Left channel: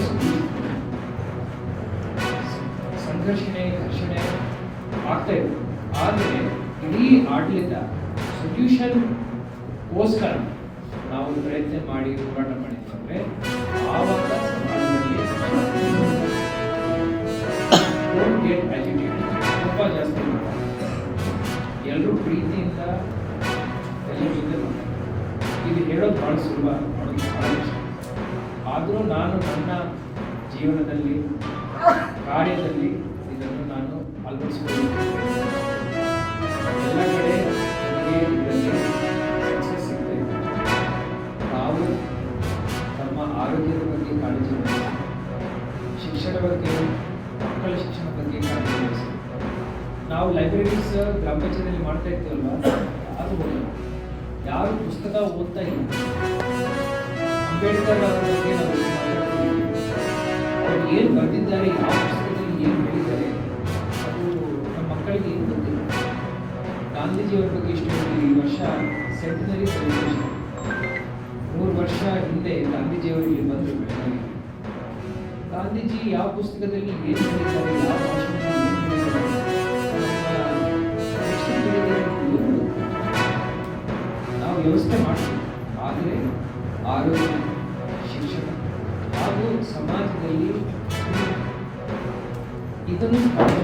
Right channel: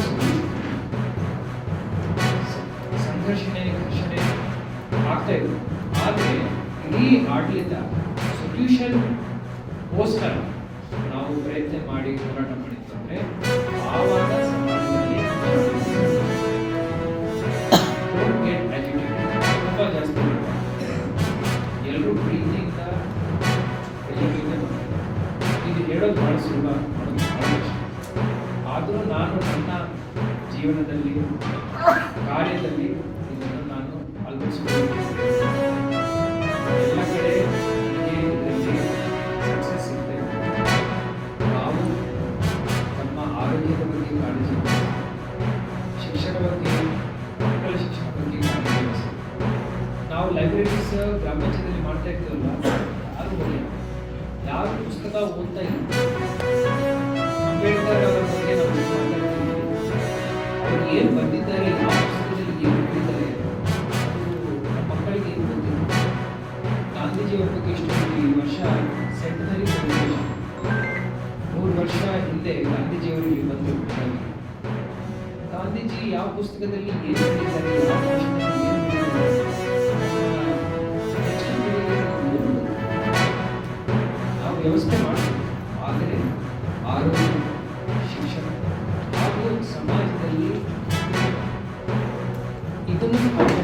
Solution ಸಂಘರ್ಷಣೆ, ಘರ್ಷಣೆ ಆಗ್ತಾ ಇದೆ. ಆದರೆ ಇಡೀ ಆಡಳಿತ ಸೊಲ್ಯೂಷನ್ಗೋಸ್ಕರ ನಾವು ಪ್ರಯತ್ನ ಮಾಡಿ ಹೋರಾಟ ಮಾಡಿದ್ದಾರೆ ಆವಾಗ ತುಂಬ ಜಾಸ್ತಿ ಎಲ್ಲರೂ ಪ್ರೀತಿಯಿಂದ ಇದು ಹೇಳೋದು ಭಾಳ ಸುಲಭ. ಮಾಡೋದು ಆದರೂ ನಾನು ನನ್ನ ಜೀವನದಲ್ಲಿ, ಕಾರ್ಯದಲ್ಲಿ ಇದನ್ನು ನಾನು ಅಳವಡಿಸಿಕೊಳ್ಳುತ್ತೇನೆ. ಎಲ್ಲ ಕಡೆ ಸಕ್ಸಸ್ ಸಿಗುತ್ತೆ ನಾವು ತಮ್ಮ ಆರೋಗ್ಯದ ಬಗ್ಗೆ ಕಾಳಜಿ ಶಿಕ್ಷಣ ಬಗ್ಗೆ, ಮಕ್ಕಳ ಶಿಕ್ಷಣ ಬಗ್ಗೆ ಕಾಳಜಿ ವಹಿಸಿ. ನಾವು ಲೈಬ್ರರೀಸ್ ಗ್ರಾಮ ಪಂಚಾಯತಿಯಲ್ಲಿ ಮಾಡ್ತಾ ಇರ್ತೀವಲ್ಲ, ಯಾರು ಬರಲ್ಲ ಯಾರು ಪುಸ್ತಕ ಓದ್ತಾ ಇಲ್ಲ? ಅಂಬೇಡ್ಕರ್ ಅವರ ಬಗ್ಗೆ ಏನು ಬರೆದಿದ್ದಾರೆ ಯಾವ ಪುಸ್ತಕದಲ್ಲಿ ಏನು ಹೇಳಿದ್ದಾರೆ ಅದು ನಮ್ಮ ಮಕ್ಕಳಿಗೆ ಏನು ಗೊತ್ತಿಲ್ಲ ಗಾಂಧೀಜಿಯವರ ಬಗ್ಗೆ ಈ ವರ್ಷ ಸೆಂಟನರಿ ಸೆಲೆಬ್ರೇಷನ್ ನೂರು ವರ್ಷ ಹಿಂದೆ ಗಾಂಧೀಜಿಯವರಿಗೆ ಬಂದರು. ಗಾಂಧೀಜಿ ಯಾವ ಪುಸ್ತಕದಲ್ಲಿ ಏನು ಹೇಳಿದ್ದಾರೆ ಯಾವ. ನಾವು ವ್ಯವಸ್ಥೆ ಮಾಡ್ತೀವಿ ಆದರೆ ಆರೋಗ್ಯ ಹಾಗೂ ಸಮಾಜದಲ್ಲಿ ಇದನ್ನು follow ಮಾಡಿ